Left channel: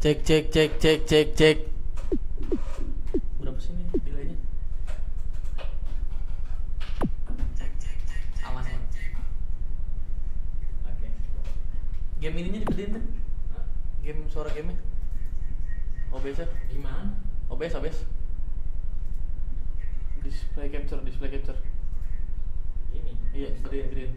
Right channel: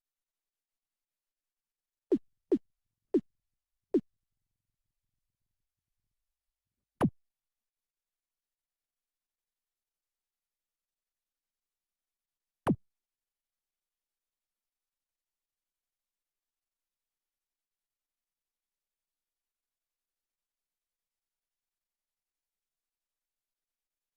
Cek cek cek cek cek cek. Berapa sih ini delaynya? Cek cek cek. Aman aman. Oke. Game ininya digedein kan? Game suara gamenya? OBS ya? Gimana? OBS OBS. Display capture display capture. Ini. Iya gedein gedein.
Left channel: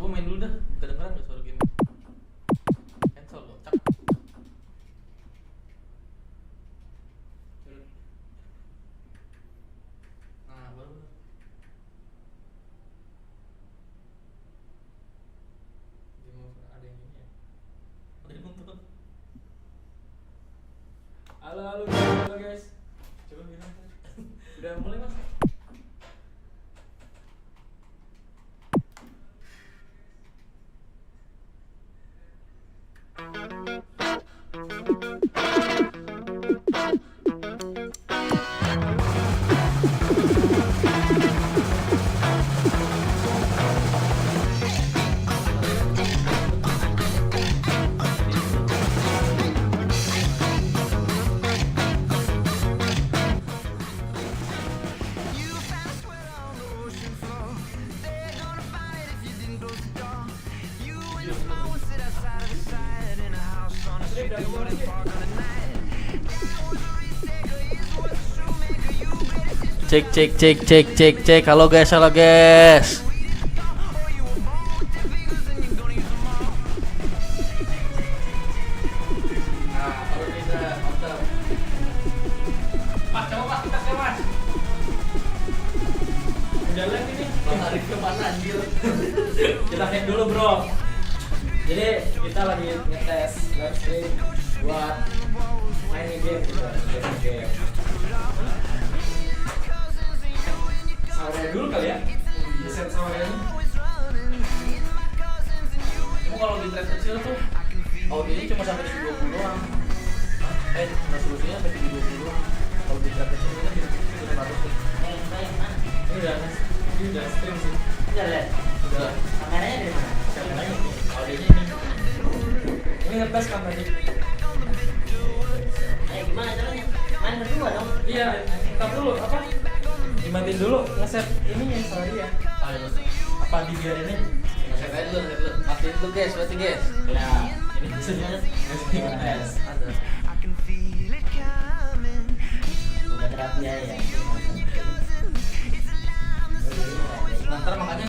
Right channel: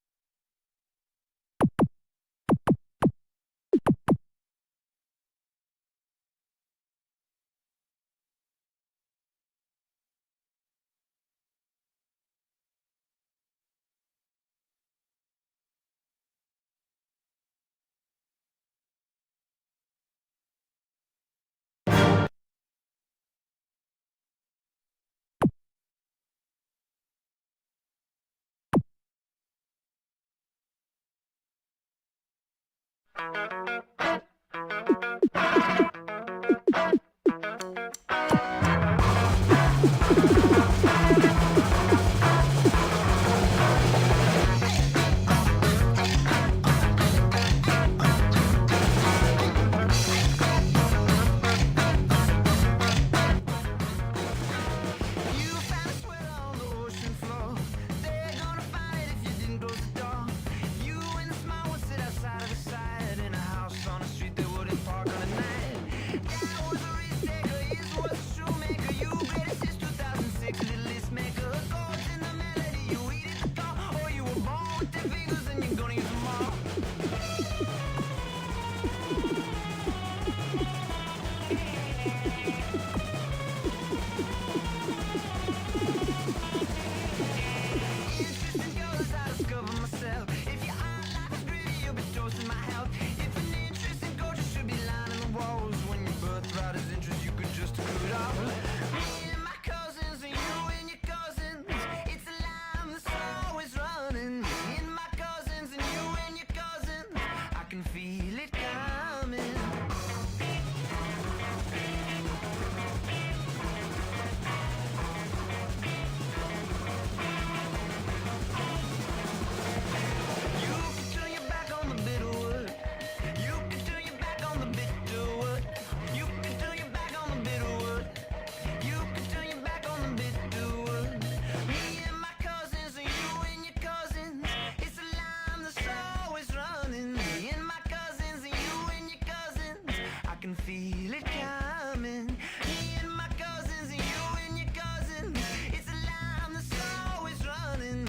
Coba main dulu dah, kedengeran gak suara game? Cancel loh, cak. Nah, baru. Game over ada yang ini ya. Udah nonton. Halo guys. Coba bilang. Udah mulai mas? Cek cek cek cek cek cek. Halo guys, halo guys. Jelasin dulu bro. Jadi kita lagi ngetes buat main game. Ada dulu kali ya. Desain suaranya. Kalau di tes kecil tuh audionya cuma sampai 20 doang. Resolusinya sampai 30 doang. Kalau di tes kecil ini kita harus. Ini udah stream sih. Udah lihat. Udah. Kameranya ada di mana? Ini ngetes kameranya. Gimana caranya? Main berdua dong. Iya, kita dulu apa? Dimatiin dulu ngeset ini yang sorry ya. Apa di biarin ini? Saya dulu, update dulu guys, berarti guys. Ya, ini sebenarnya